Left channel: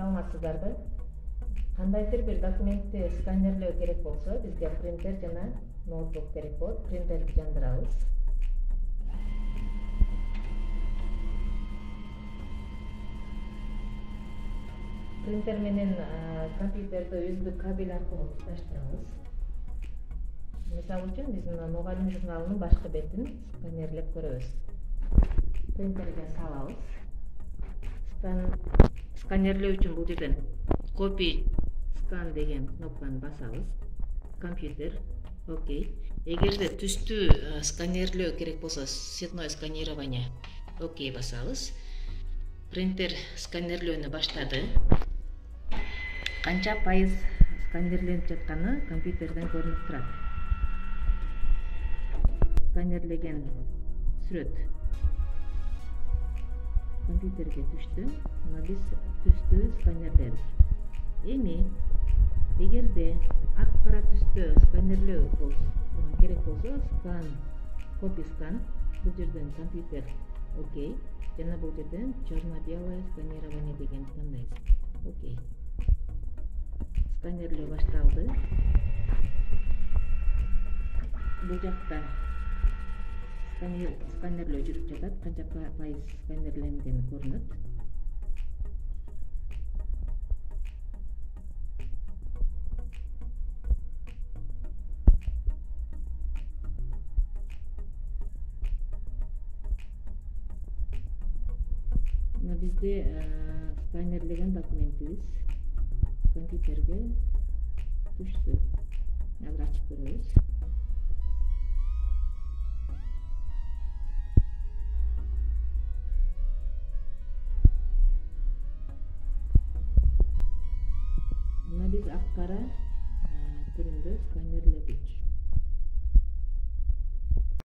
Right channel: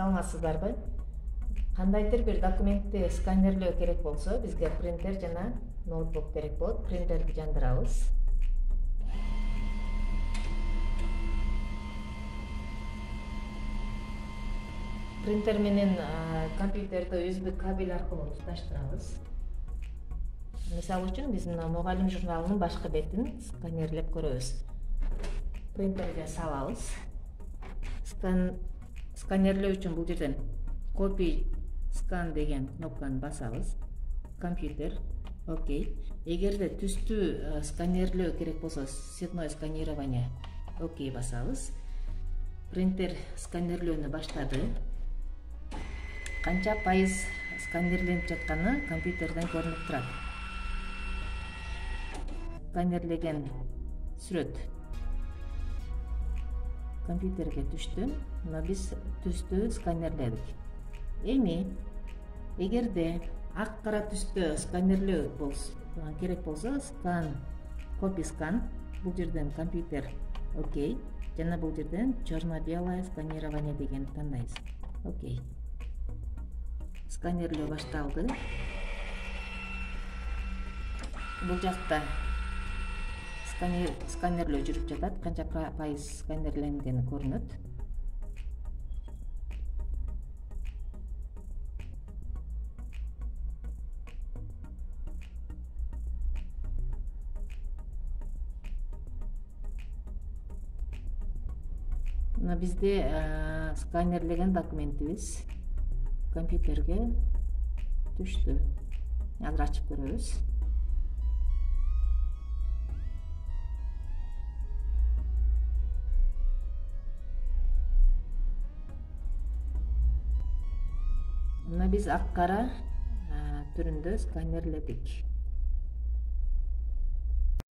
саламатсыздарбы? Кандайдыр бир документти сканерлөө керек болсо, бизге принтер жана ноутбук керек болот. Принтерди жандырабыз. Принтер менен компьютерди USB кабель аркылуу туташтырабыз. Мисалы үчүн биз мына мугалим журналынын башкы бетин сканерлеп көрөбүз. Принтерге салабыз. Сканерлөө үчүн бул жерден copy scan деген кнопканы басабыз. Компьютер, окей. Эгерде түстүү сканерлөө керек болсо, цветное сканирование, окей басабыз. Принтер сканерлөөнү баштады. Канча пайыз сканерленип жатканы компьютерден көрүнүп турат. Сканерлеген сүрөт компьютерге түштү. Мына биз түстү сканерледик. Эми эгерде ак кара түстө сканерлөө болсо, керек болсо, copy scan, бул жерден компьютер, окей. Жана бул жерден черно-белое сканирование деген тандайбыз. Окей. Сканерлөө башталды. Бул жакта сканерлөө жүрүп жатат. Канча пайыз сканерленгени көрүнөт. Мына бизде сканерлеген документибиз компьютерге түштү. Азыр ачып көрөбүз. Мына биз ак кара түрүндө сканерледик.